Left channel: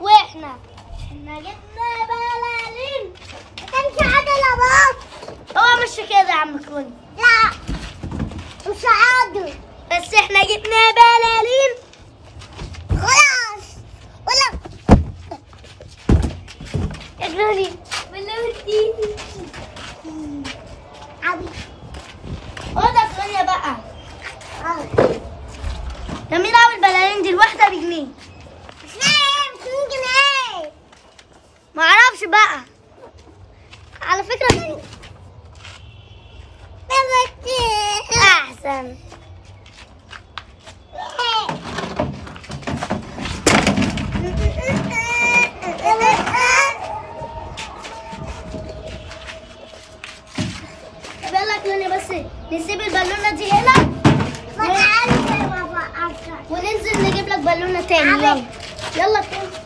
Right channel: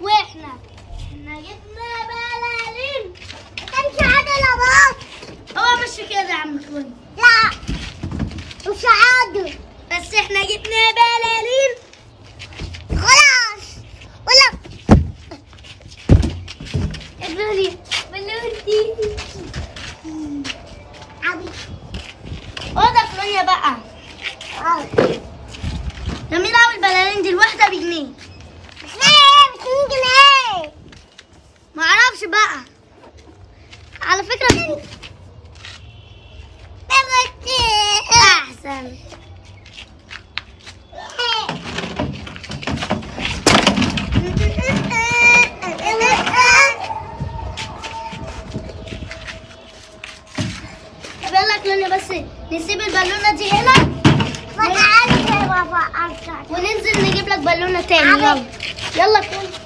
واحنا جبنا بلالين. تمشي عدل باص. هو مش كده يا عم كوني. لا مش عادل، بس احنا جبنا بلالين خلاص. ولا بلالين عبي اوضه كلونيا بقى. جميل اوي البلالين دي، الواحده بجنيه. ب2 جنيه. معرفش بقى على فكرة. احسن. طب يلا كلونيا، بس نسيب البالونة دي هنا وننزل نجيب لك بالونة تاني. يلا يلا كلونيا.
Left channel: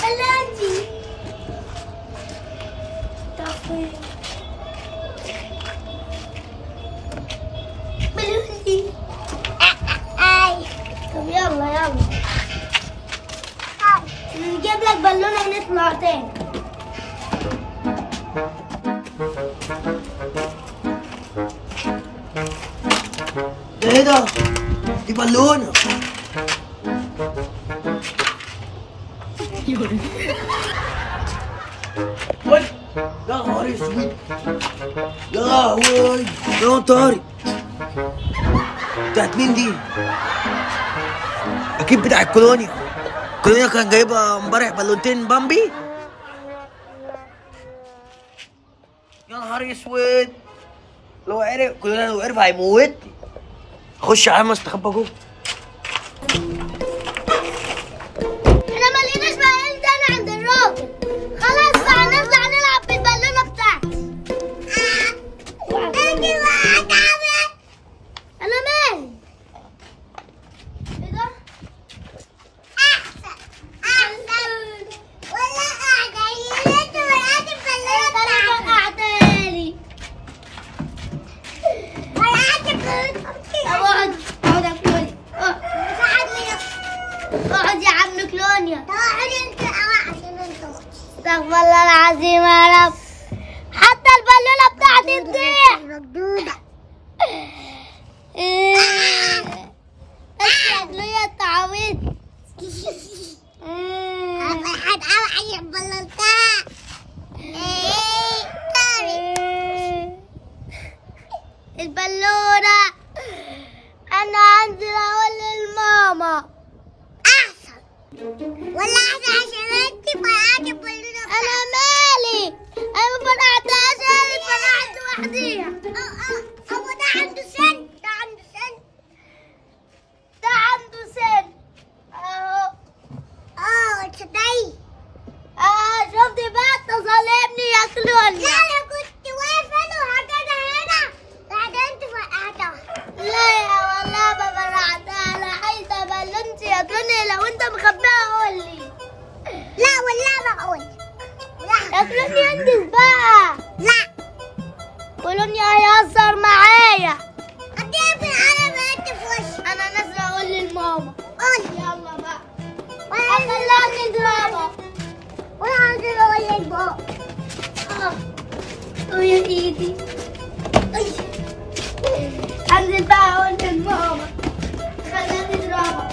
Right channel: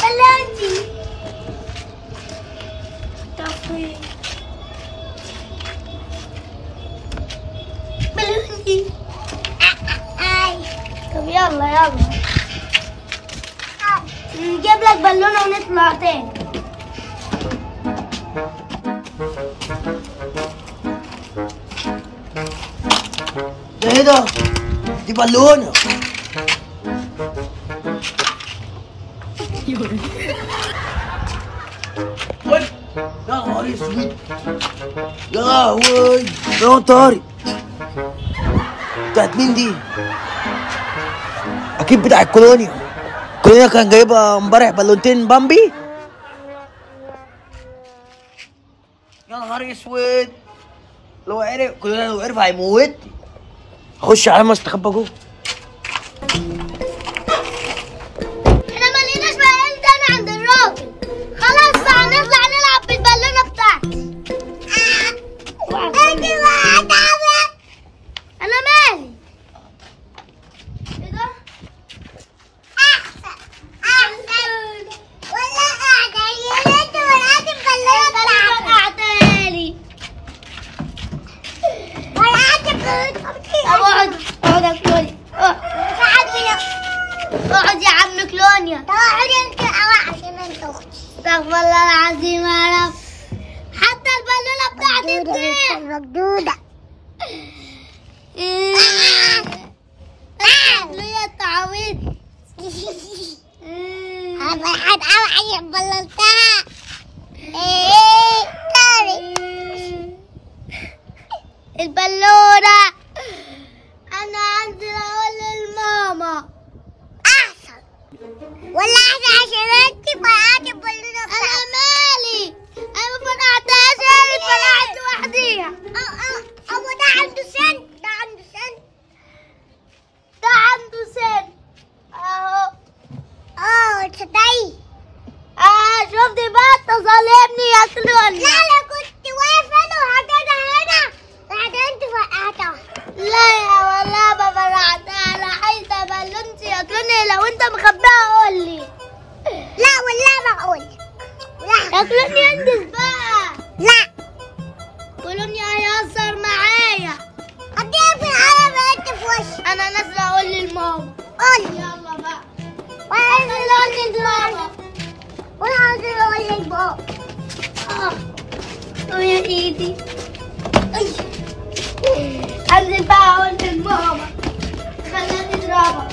بالونتي بالونتي. طب يلا نجيب لك بالونة ونطلع تاني. ايه ده؟ دي بالونة. يا نهار اسود، يا لهوي، يا طارق بتاعت مين دي؟ اكيد بتاعت كولونيا. كولونيا كان جايبها امبارح بالونتين بامبي. يا نهار اسود، لو عرف هيموتني. خش على ما استخبى جوه. احنا مليناش بقى تاني عند الراجل. خلاص بقى نطلع نلعب بالبالونه بتاعتي. انا مالي؟ ايه ده؟ احسن ولا قاعده يا ريت ولعت البالونه بتاعتي. قعدالي ولعت البالونه. اقعد يا كلونيا. اقعد يا عم كلونيا. اقعد انت عشان انت اختي. استغفر الله العظيم يا رب. حتى البالونه بتاعتي تضيع. مردوده. كلونيا اتعودت. فرحان قوي عشان بلنتها. البالونه انا عندي اقول للماما. احسن ولا احسن عشان انت فرقعت البالونه. انا مالي؟ انا ما فرقعتهاش، انا فرقعت لوحديها. ابو ده عنده سن. ده عنده سن اهو. تصدقي شفتي بقى تظلمني يا كلونيا. لا انا كنت واقفه انا وحطيتها هنا بعدين انت فرقعتها. لا يا والله ما فرقعتها. انا عايزه بالونتي يا كلونيا. لو انت مخبيها قول لي. لا والله ما اقول. لا يا كلونيا انجز بقى. لا كلونيا هيهزر معايا. هتقفل على بنت في وشي. انا نازله اقول للماما. قولي يلا بقى. وانا نازله اقول للماما. وانا نازله اقول للبابا. يا ايدي. انزل بقى اقول للماما. خليها تضربها.